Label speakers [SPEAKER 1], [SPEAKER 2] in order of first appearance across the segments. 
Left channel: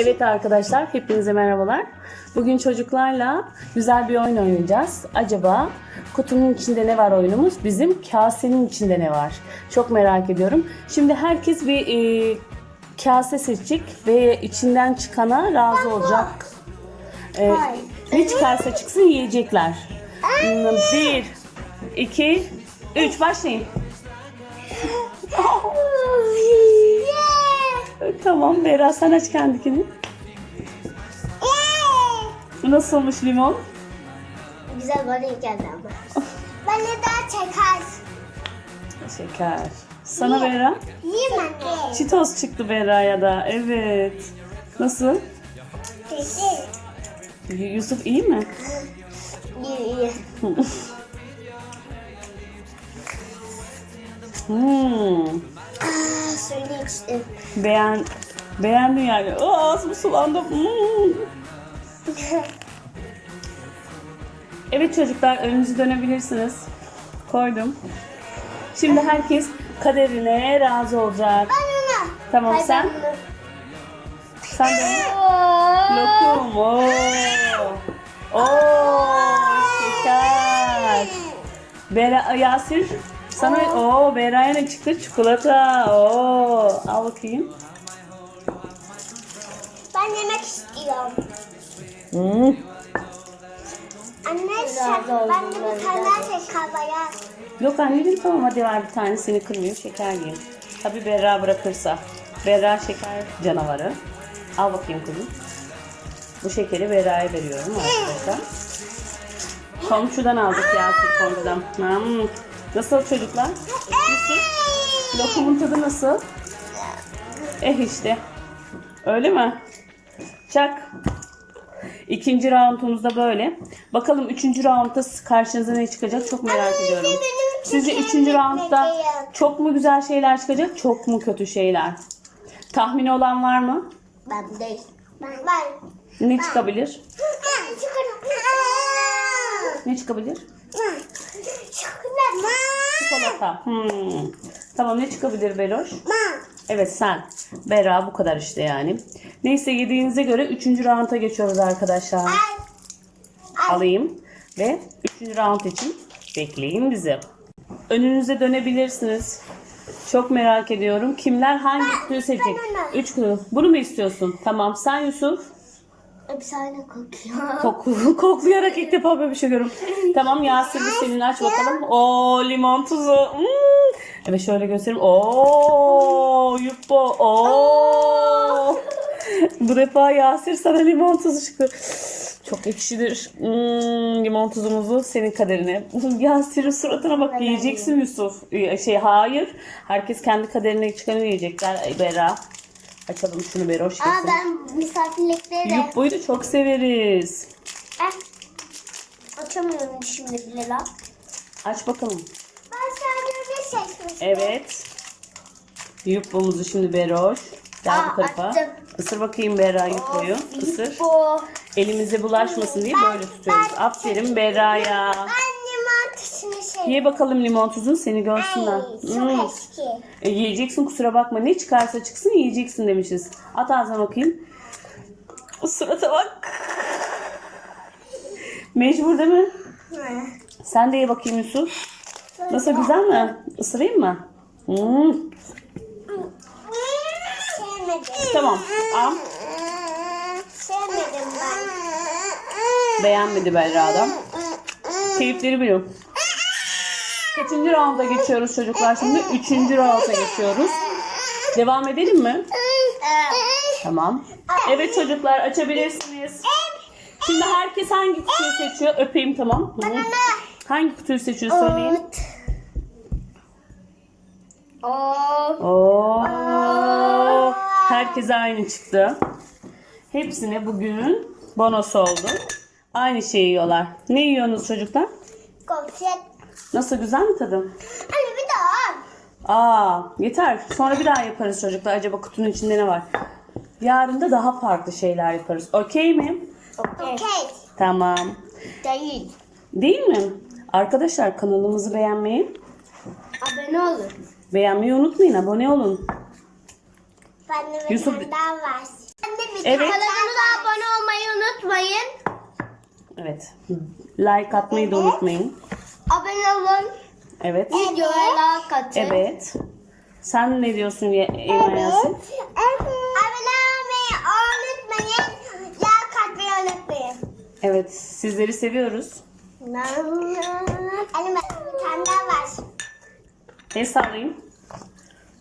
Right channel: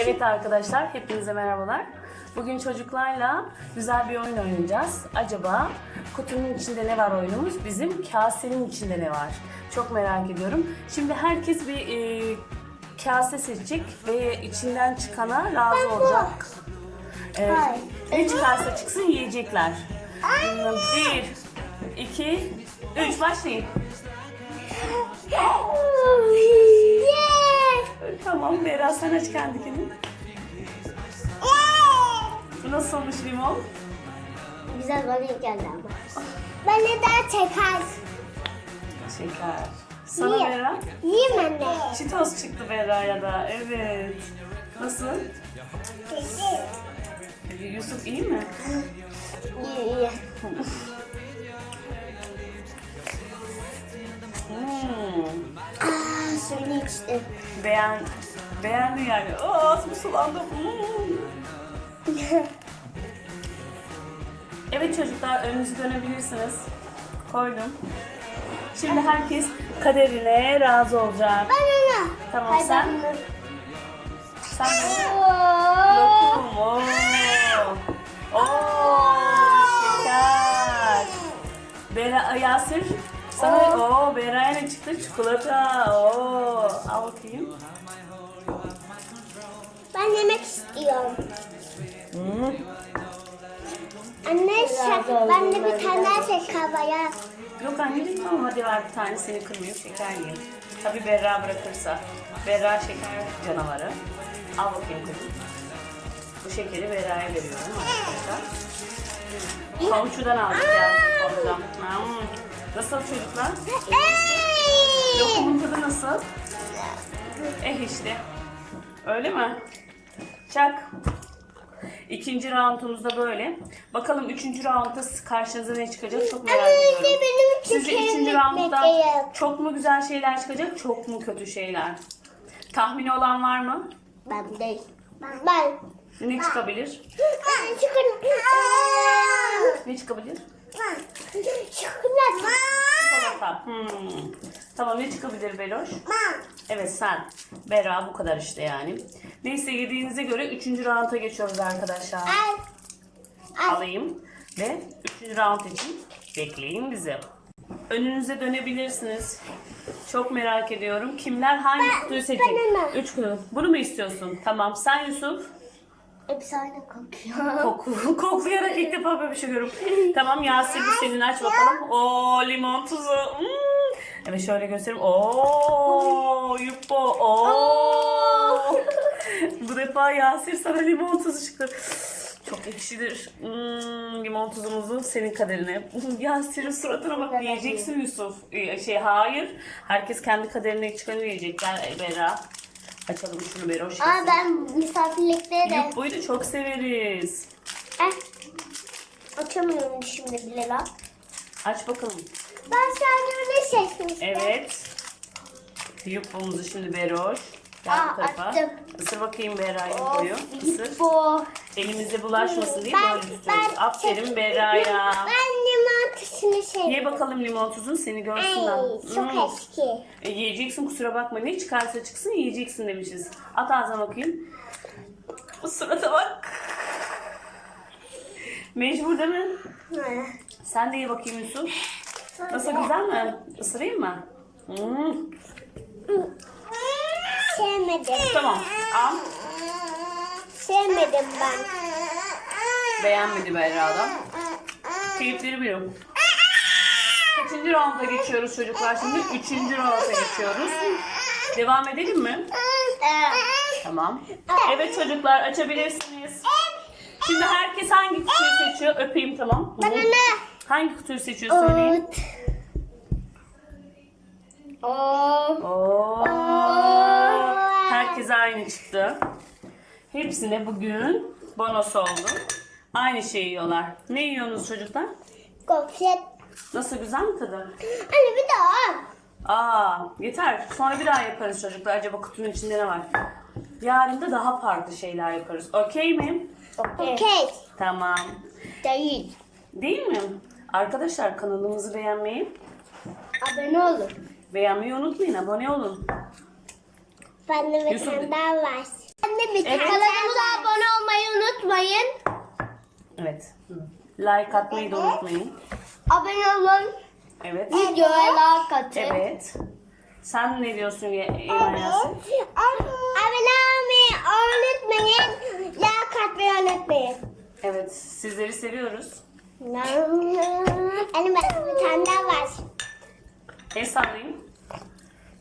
[SPEAKER 1] Evet arkadaşlar, hepinize merhabalar. Bugün çocuklarla güzel bir oyun oynayacağız. Acaba kutunun içinde ne var oyunumuz? Bizim kasenin içinde ne var? Çok merak ediyorum. Şimdi herkes bir e, kase seçecek ve içinden çıkana razı olacak. E,
[SPEAKER 2] Hayır.
[SPEAKER 1] ne çıkarsa çıksın yiyecekler. Bir, iki, üç başlayın. Tamam Bera sen aç kendikini. Nasılmış limon?
[SPEAKER 2] Güzel bana iyi geldi ama. Ben de daha çeker.
[SPEAKER 1] Şeker. Sana
[SPEAKER 2] Niye?
[SPEAKER 1] Bera?
[SPEAKER 2] Yiyeyim anne.
[SPEAKER 1] Çitos çıktı Bera'ya da. Evet. Nasıl? Yusuf iyi mi?
[SPEAKER 2] İyi iyi.
[SPEAKER 1] Hmm.
[SPEAKER 2] Suyunu içtim.
[SPEAKER 1] Beğen, beğendin yani. Oo ağzım sulandı. Hmm. Evet çocuklar önünüzü dönebilirsiniz. Koydum. Şimdi herkes kaderine razı olacak.
[SPEAKER 2] Ben.
[SPEAKER 1] Tamam,
[SPEAKER 2] Hayır,
[SPEAKER 1] sen?
[SPEAKER 2] ben.
[SPEAKER 1] Sen de lokum. Oo. Oo, şeker. Bera, Yasir sana o Bera'ya ne çıktı? Çikolata. Oo, al bakayım.
[SPEAKER 2] Ben yemek istiyorum.
[SPEAKER 1] Hmm.
[SPEAKER 2] Anne ben de bir tane
[SPEAKER 3] de.
[SPEAKER 2] şeker var ya.
[SPEAKER 1] Yok ben yedim tamam hadi ver bir tanesini kırmayayım şeker yiyeyim. Tabii Berra bırakırsa. Berra şeker canavarı. Al bakayım kızım. Bu şekeri Berra'ya veriyorum arkadaşlar. Komşudan aldık Yasir komşudan. Hmm. Nasıl çocuklar? Lokumun tadı nasıl? Eh işte. Öyle mi? Çak. İkinci roundumuzda böyle. Bakalım üçüncü roundda karşınıza ne çıkacak çok merak ediyorum. Sizce üçüncü roundda
[SPEAKER 2] bitmedi.
[SPEAKER 1] çok mu güzel şeyler çıkacak, çok mu kötü şeyler? Tahmini olan var mı?
[SPEAKER 2] Ben değil. Ben. Ben.
[SPEAKER 1] Ne çıkabilir?
[SPEAKER 2] Ben.
[SPEAKER 1] Ne çıkabilir?
[SPEAKER 2] Çikolata.
[SPEAKER 1] Çikolata. Hmm. Tamam ne çıkabilir Beroş?
[SPEAKER 2] Ben.
[SPEAKER 1] Evet sen. Bera bu kadar işte yani. Neyse yediğinize göre üçüncü rounda geçiyoruz arkadaşlar.
[SPEAKER 2] Al. Al.
[SPEAKER 1] Alayım ve üçüncü round için bekleyin bizi. Önünüze dönebilirsiniz. Çok merak ediyorum. Kimler hangi kutuyu seçecek?
[SPEAKER 2] ben.
[SPEAKER 1] Üç kutu. Bunu mu istiyorsun? Tamam. Sen Yusuf.
[SPEAKER 2] Efsane kokuyor.
[SPEAKER 1] Koku, koklayarak ilk defa böyle bir şey görüyorum. tamam Yasir bu senin aç bakalım. Oo limon tuzu. Hmm. Evet şöyle göstereyim. Oo yuppo. Oo. bu defa Yasir sana limon tuzu çıktı. Çok ekşidir. Hmm, limon tuzumuzu senin kaderine. Yasir'in suratına bak. Yiyeceksin Yusuf. Şey hayır. Herkes kendi kaderine çıkanı yiyecek. Bera. Açalım şunu Beroş.
[SPEAKER 2] Aa ben misafirlikte de.
[SPEAKER 1] Yuppo'yu da çok severiz.
[SPEAKER 2] Eh. Açamıyorum şimdi bile lan.
[SPEAKER 1] Aç bakalım.
[SPEAKER 2] Ben sen ne seçmiştim?
[SPEAKER 1] Evet. Yuppo'muzu şimdi Beroş. Gel
[SPEAKER 2] Aa,
[SPEAKER 1] bu tarafa.
[SPEAKER 2] açtım.
[SPEAKER 1] Isır bakayım Berra Yuppo'yu. Isır. Elimize bulaşmasın diye
[SPEAKER 2] Ben-
[SPEAKER 1] böyle tutuyoruz.
[SPEAKER 2] ben-
[SPEAKER 1] Aferin Berra'ya.
[SPEAKER 2] Ben tuzunu seviyorum.
[SPEAKER 1] Ye bakalım limon tuzunu seni görsünler.
[SPEAKER 2] Ay çok
[SPEAKER 1] Hmm.
[SPEAKER 2] eski.
[SPEAKER 1] E, yiyeceksin kusura bakma. Ne çıkarsa çıksın yiyeceksin demişiz. At ağzına bakayım. Surata bak. Mecbur değil mi?
[SPEAKER 2] Hı.
[SPEAKER 1] Sen de ye bakayım Yusuf. Nasıl güzel mi? Isırayım mı? Hmm.
[SPEAKER 2] Sevmedim.
[SPEAKER 1] Tamam. Al.
[SPEAKER 2] Sevmedim ben.
[SPEAKER 1] Beğenmedi Berra'dan. Keyifleri biliyorum. Kaçıncı rounda geçiyoruz çocuklar şimdi? Üçüncü rounda geçiyoruz. Devam edelim mi? Tamam. Evet çocuklar açabilirsiniz. Şimdi herkes hangi kutuyu seçiyor? Öpeyim tamam. Hı. Hangi kutuyu seçiyor söyleyin.
[SPEAKER 2] Ot. Oo.
[SPEAKER 1] Oo. Herkes aynı çıktı. Hepsine bugün bonus oldu. Aynı şeyi yiyorlar. Ne yiyorsunuz çocuklar?
[SPEAKER 2] Gofret.
[SPEAKER 1] Nasıl güzel mi tadı?
[SPEAKER 2] Anne bir daha.
[SPEAKER 1] Aa yeter. Sonra bir daha yaparız çocuklar. Acaba kutunun içinde ne var? Yarın da daha farklı şeyler yaparız. Okey mi?
[SPEAKER 2] Okey.
[SPEAKER 1] Tamam.
[SPEAKER 2] Değil.
[SPEAKER 1] Değil mi? Arkadaşlar kanalımızı beğenmeyi,
[SPEAKER 2] Abone olun.
[SPEAKER 1] beğenmeyi unutmayın. Abone olun.
[SPEAKER 2] Bende bir
[SPEAKER 1] Yusuf-
[SPEAKER 2] daha var. Anne
[SPEAKER 1] Evet.
[SPEAKER 2] Kanalımıza abone olmayı unutmayın.
[SPEAKER 1] Evet. Like atmayı da unutmayın.
[SPEAKER 2] Abone olun.
[SPEAKER 1] Evet.
[SPEAKER 2] Videoya like atın.
[SPEAKER 1] Evet. Sen ne diyorsun Eymen Yasin?
[SPEAKER 2] Abone olmayı unutmayın. Like atmayı unutmayın.
[SPEAKER 1] Evet. Sizleri seviyoruz.
[SPEAKER 2] Anne bir tane daha var.
[SPEAKER 1] El sallayın.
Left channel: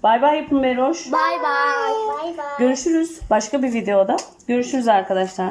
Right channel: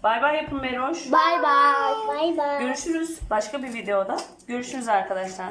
[SPEAKER 1] Bay bay yapın Meroş.
[SPEAKER 2] Bye bye. Bye bye.
[SPEAKER 1] Görüşürüz başka bir videoda. Görüşürüz arkadaşlar.